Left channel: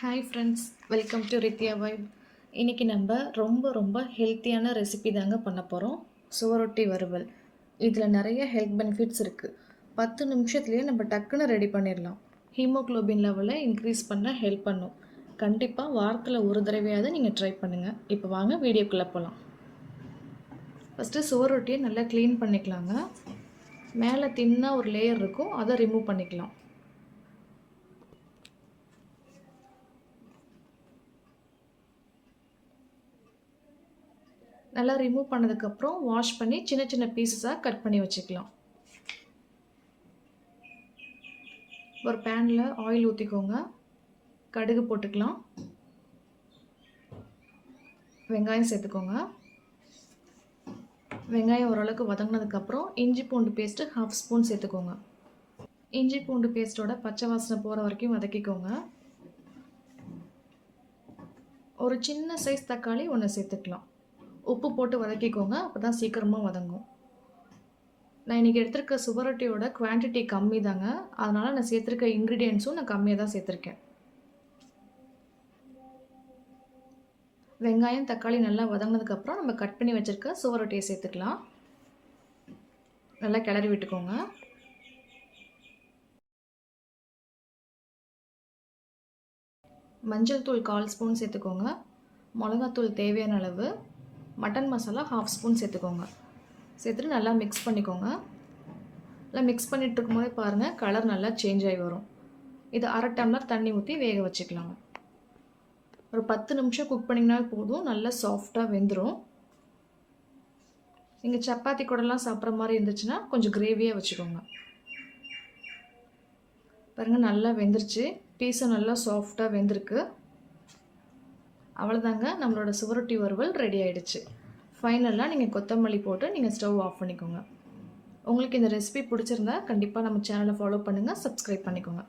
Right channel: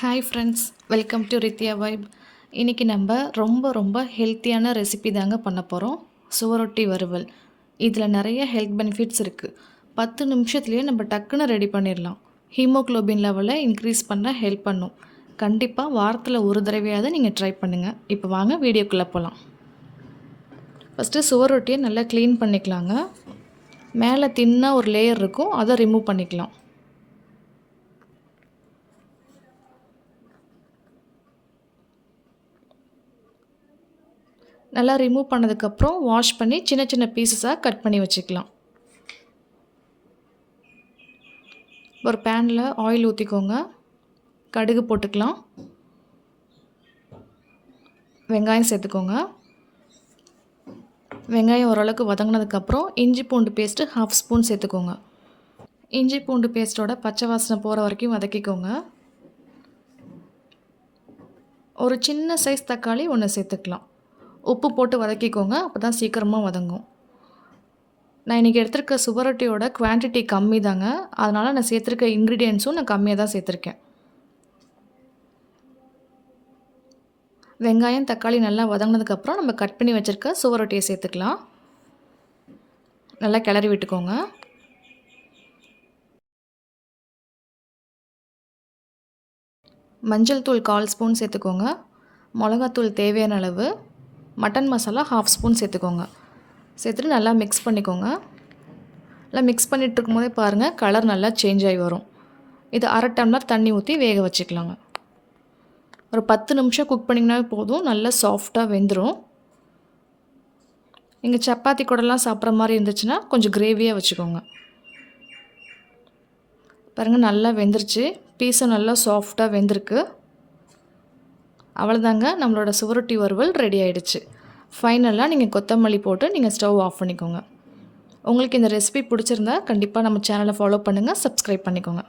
Hi friends, welcome to Ritya vibe. இன்றைக்கி நம்ம ரொம்ப ஹெல்த்தியான ரெசிபி தாங்க பண்ண போகிறோம். சுவரொட்டி வறுவல். இதில் நிறைய ஹெல்த் பெனிஃபிட்ஸ் இருக்குது. 10 நிமிஷத்துலேயே நம்ம டக்குன்னு ரெடி பண்ணிடலாம். ஹீமோக்ளோபின் லெவலை இன்க்ரீஸ் பண்ண ஹெல்ப் பண்ணும். கண்டிப்பாக வாரத்தில் ஒரு தடவையாவது நீங்கள் ட்ரை பண்ணுங்கள். இப்போ வாங்க வீடியோக்குள்ளே போகலாம். ஃபஸ்ட்டு சுவரொட்டியை நல்லா க்ளீன் பண்ணிக்கலாங்க. மேலே தின்னாக ஒரு லேயர் இருக்கும், அதை ரிமூவ் பண்ணிக்கலாம். நல்லா ரிமூவ் பண்ணதுக்கப்புறம் வாஷ் பண்ணி சின்ன சின்ன பீசஸாக கட் பண்ணி வச்சுக்கலாம். ஒரு பேனில் ஆயில் ஊற்றிக்கோங்க. கடுகு போட்டுக்கலாம். வெங்காயம் சேர்த்துக்கோங்க. வெங்காயம் ஓரளவுக்கு வதங்கினதுக்கப்புறம் இஞ்சி பூண்டு பேஸ்ட்டு 1/2 ஸ்பூன் சேர்த்துக்கோங்க. இஞ்சி பூண்டு பேஸ்ட்டோட பச்சை வாசனை போகிற வரைக்கும் வதக்கிக்கோங்க. ஒரு சின்ன சைஸ் தக்காளி ஒன்று சேர்த்துக்கலாம். உப்பு போட்டு வதக்கிக்கோங்க, அப்போ தான் சீக்கிரமாக வதங்கும். நான் இன்றைக்கி எடுத்துருக்க சுவரொட்டியோட குவான்டிட்டி கம்மி தாங்க, அதனால் நான் சேர்த்துருக்க இன்க்ரீடியன்ஸும் நான் கம்மியாக தான் சேர்த்துருக்கேன். வெங்காயம் தக்காளி நல்லா வதங்கினதுக்கப்புறம் நம்ம கட் பண்ணி வச்சுருக்க சுவரொட்டியை சேர்த்துக்கலாம். நல்லா கிளறி விட்டுக்கோங்க. மஞ்சள் தூள் 1/4 ஸ்பூன் சேர்த்துக்கோங்க. மிளகாத்தூள் தேவையான அளவு. மட்டன் மசாலா 1/2 ஸ்பூன் சேர்த்துக்கோங்க. சேர்த்துட்டு நல்லா மிக்ஸ் பண்ணிக்கோங்க. நல்லா மிக்ஸ் பண்ணிகிட்டு இருக்கும்போதே பாருங்கள், கலர் நல்லா சேஞ்ச் ஆகி வரும். இது 1/2 டம்ளர் தண்ணி ஊற்றி வேக வச்சுக்கலாங்க. ஒரு 10 நிமிஷம் குக் பண்ணிங்கனாவே போதும், நல்லா சாஃப்டாக வெந்துடும். நீங்கள் சப்பாத்தி கூடலாம் சாப்பிட்ற மாதிரி இருந்துச்சுன்னா கொஞ்சம் கிரேவியாக வச்சுக்கோங்க. பாருங்கள், நல்லா வெந்துருச்சு. பீஸும் நல்லா சாஃப்டாக வெந்திருக்கு. அவ்வளோதாங்க, நம்மளோட சுவரொட்டி வறுவல் ரெடி ஆகிடுச்சு. ஃபைனலாக நீங்கள் கொத்தமல்லி போட்டு நீங்கள் ஸ்டவ் ஆஃப் பண்ணிக்கோங்க. உங்களுக்கு இந்த ரெசிபி பிடிச்சிருந்தா கண்டிப்பாக நம்ம சேனலை ஃபாலோ பண்ணுங்கள், சப்ஸ்கிரைப் பண்ணிக்கோங்க.